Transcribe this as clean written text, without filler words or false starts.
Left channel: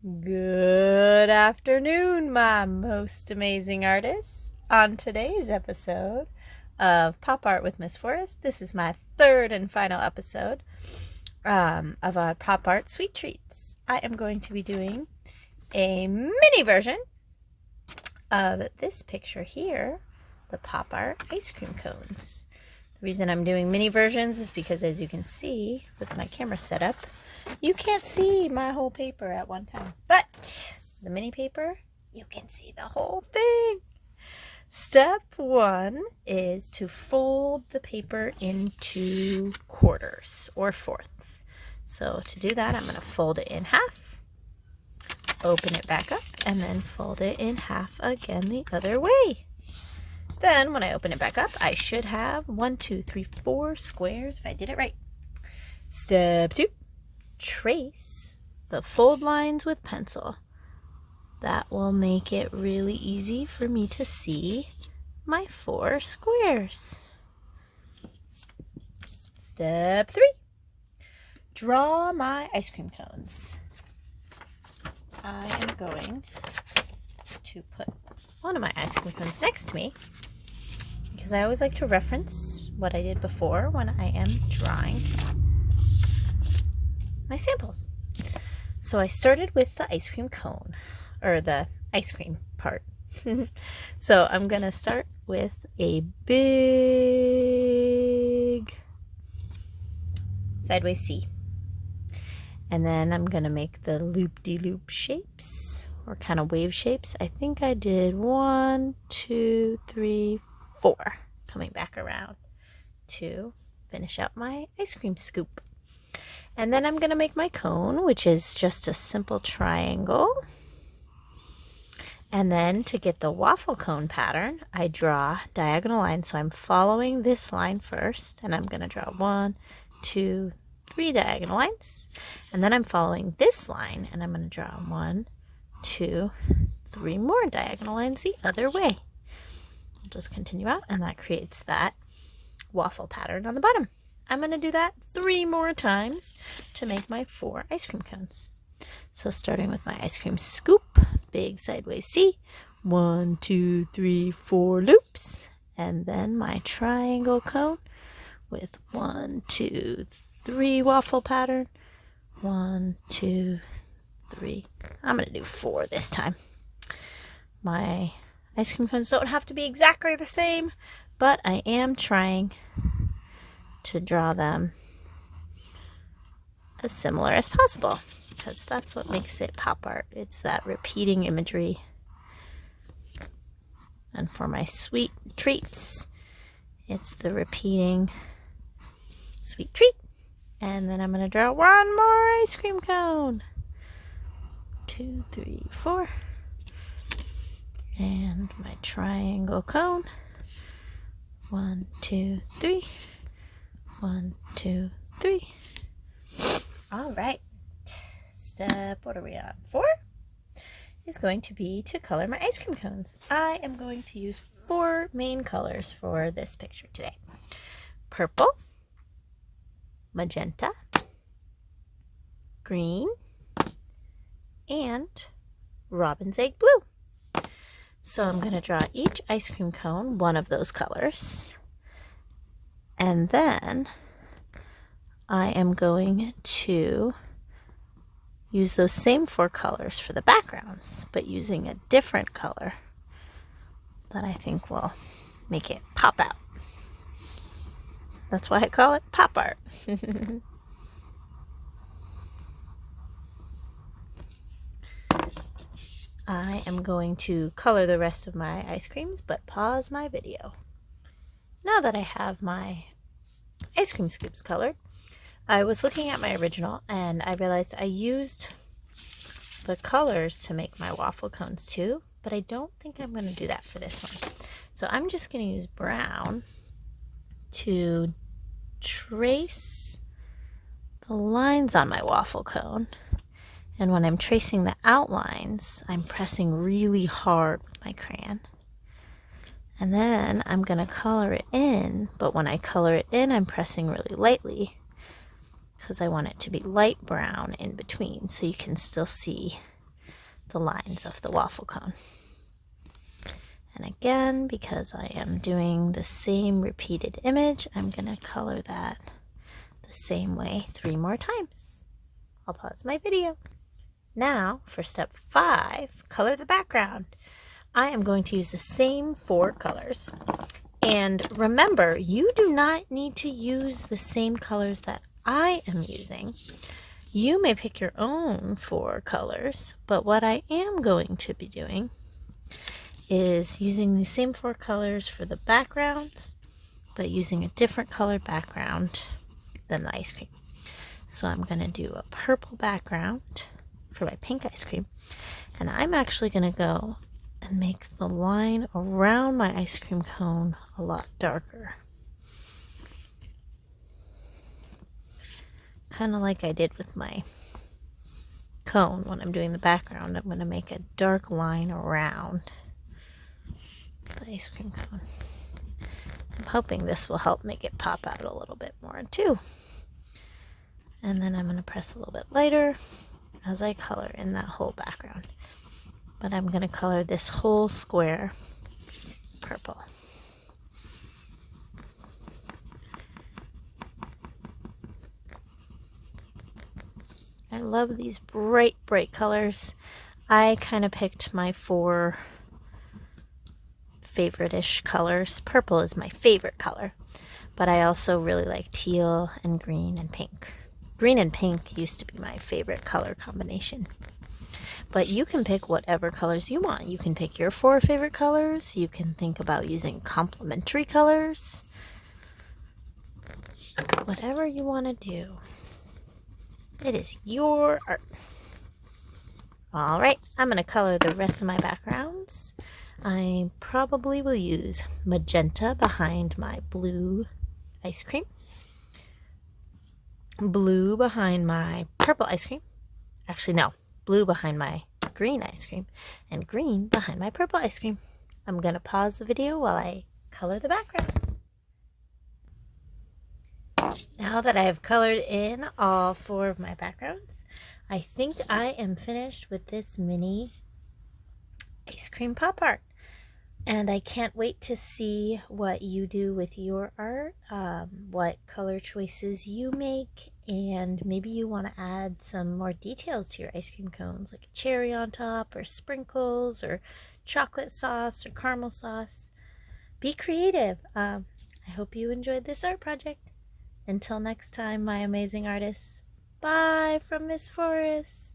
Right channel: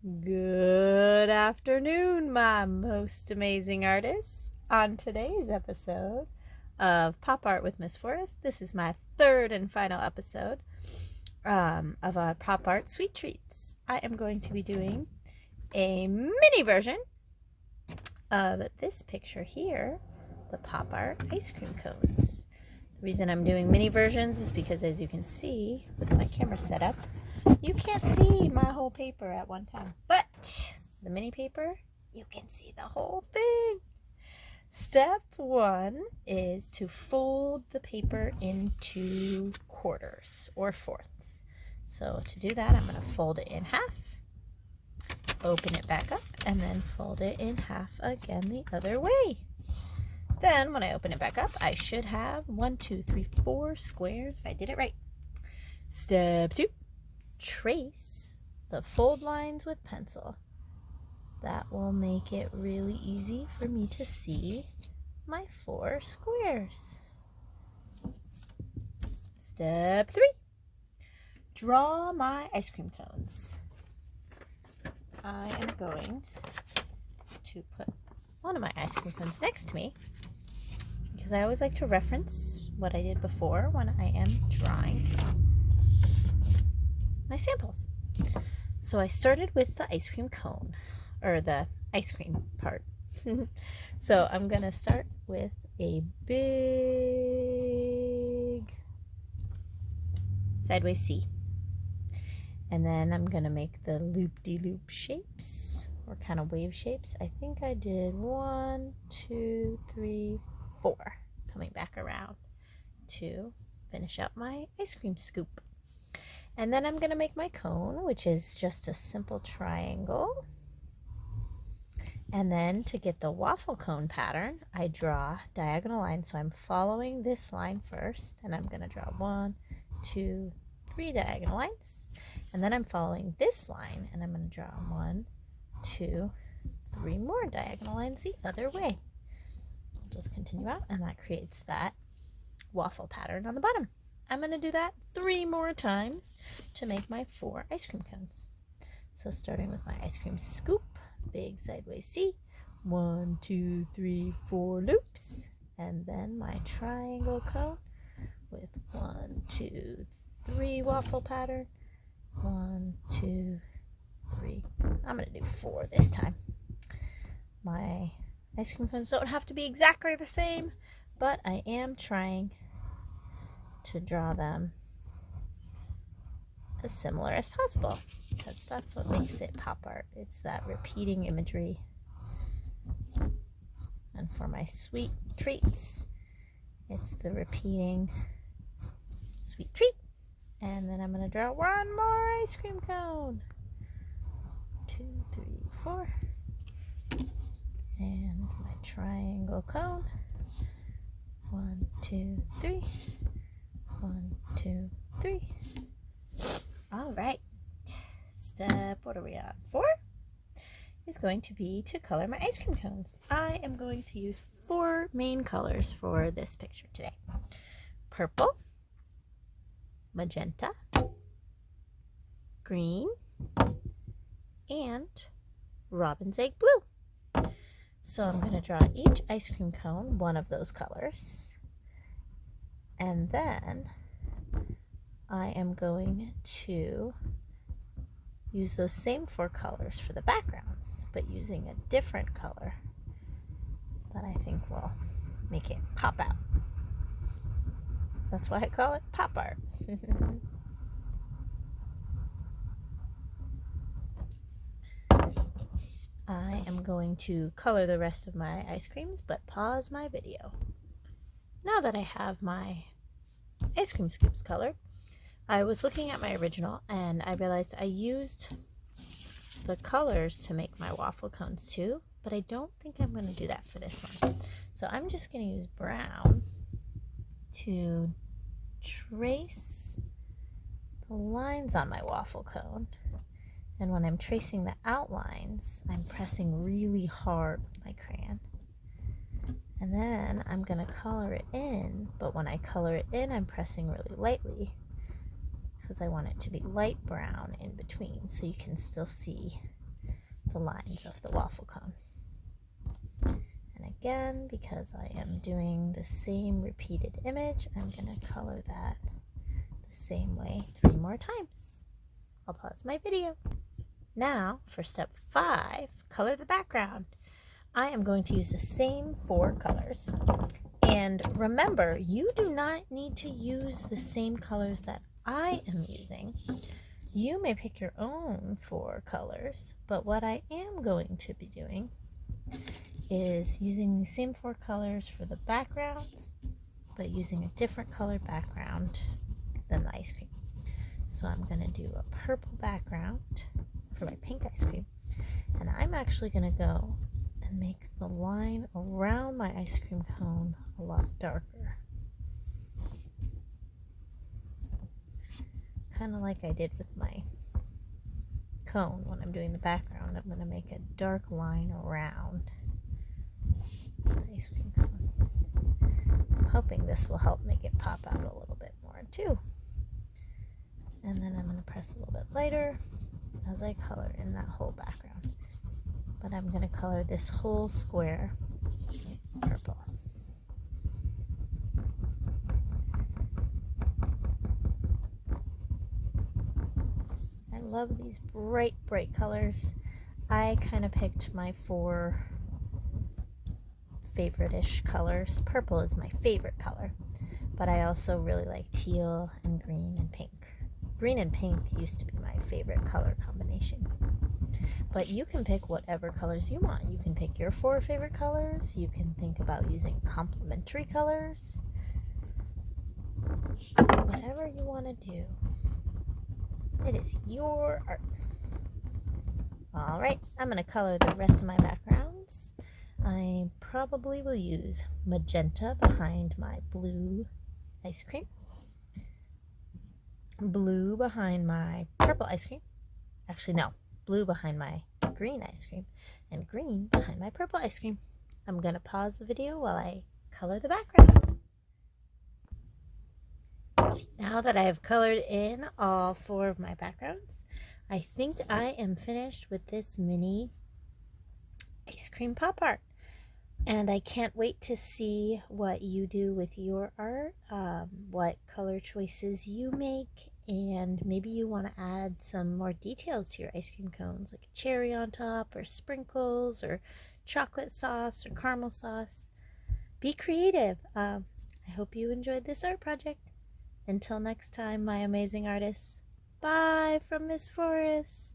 Good afternoon, my most amazing artists. On today's episode of Pop Art with Miss Forrest, this is my third and final episode of our Pop Art Sweet Treats. I am going to be doing a mini version of this picture here, the Pop Art ice cream cones. The reason I'm doing mini versions is because, as you can see with my camera setup, you can't see my whole paper at one time. But the mini paper, you can see the whole thing. Step one is to fold the paper into quarters or fourths. So to do that, I'm going to fold it in half, open it back up, and then fold it in half again the other way. Then when I open it back up, I should have 4 squares if I did it right. Step two, trace the fold lines with pencil. That will make it really easy for me to see my 4 squares. Step 3, draw my ice cream cones. I am going to put one of my ice cream cones next to me because I always like to reference what I did before when I am drawing my samples. So I started with the ice cream cone, or the ice cream part. So I'm gonna start with a big sideways C, and then I'm gonna make the loop-de-loop shapes, or kind of wave shapes. I think I did 1, 2, 3, 4 coming back around to finish out my ice cream scoop. And then I'm going to make my cone, which is just a simple triangle. And then to get the waffle cone pattern, I draw diagonal lines. So I'm following this line first, and I'm going to draw 1, 2, 3 diagonal lines. And then I'm following this line, and I'm going to draw 1, 2, 3 more diagonal lines the other way. I'll just continue out, and that creates that waffle pattern on the bottom. I'm going to do that 3 more times to make my 4 ice cream cones. So starting with my ice cream scoop, big sideways C, 1, 2, 3, 4 loops, and then my triangle cone with 1, 2, 3 waffle pattern, 1, 2, 3. I'm going to do 4 this time. My ice cream cones don't have to be exactly the same, but I am trying to draw them as similar as possible, because that's what makes it pop art. It's that repeating imagery. And for my sweet treats, it's the repeating sweet treat. And then I'm going to draw 1 more ice cream cone. 2, 3, 4. And my triangle cone. 1, 2, 3. 1, 2, 3. All right. What are we on? 4 is going to be to color my ice cream cones. I am going to use 4 main colors for this picture today: purple, magenta, green, and robin's egg blue. So I'm going to draw each ice cream cone one of those colors. And then I am going to use those same 4 colors for the backgrounds, but using a different color that I think will make it pop out. That's why I call it pop art. I am going to color the rest of my ice creams, but pause my video. Now that I have my ice cream scoops colored, I was looking at my original and I realized I used the colors to make my waffle cones too, but I don't think I'm going to do that for this one. So I'm just going to use brown to trace the lines on my waffle cone. And when I'm tracing the outlines, I'm pressing really hard with my crayon. And then I'm going to color it in, but when I color it in, I'm pressing really lightly because I want it to be light brown in between so you can still see the lines of the waffle cone. And again, because I am doing the same repeated image, I'm going to color that the same way 3 more times. I'll pause my video. Now, for step 5, color the background. I am going to use the same 4 colors. And remember, you do not need to use the same colors that I am using. You may pick your own 4 colors, but what I am going to be doing is using the same 4 colors for the backgrounds, but using a different colored background than the ice cream. So I'm going to do a purple background for my pink ice cream, and I'm actually going to go and make the line around my ice cream cone a lot darker. Kind of like I did with my cone when I'm doing the background. I'm going to make a dark line around the ice cream cone. I'm hoping this will help make it pop out a little bit more too. And then I'm going to press a little bit lighter as I color in that whole background. But I'm going to color this whole square purple. I love these bright, bright colors. I kind of picked my 4 favorite-ish colors. Purple is my favorite color, but I also really like teal and green and pink. Green and pink used to be my favorite color combination. But you can pick whatever colors you want. You can pick your 4 favorite colors. You can think about using complementary colors. Whatever you want to do. It is your art. Alright, I'm going to color the rest of my backgrounds. I probably will use magenta behind my blue ice cream, blue behind my purple ice cream. Actually, no, blue behind my green ice cream, and green behind my purple ice cream. I'm going to pause the video while I color the backgrounds. Now that I have colored in all 4 of my backgrounds, I think I am finished with this mini ice cream pop art. And I can't wait to see what you do with your art, what color choices you make, and maybe you want to add some more details to your ice cream cones, like a cherry on top, or sprinkles, or chocolate sauce, or caramel sauce. Be creative. I hope you enjoyed this art project. Until next time, my amazing artists. Bye from Miss Forest.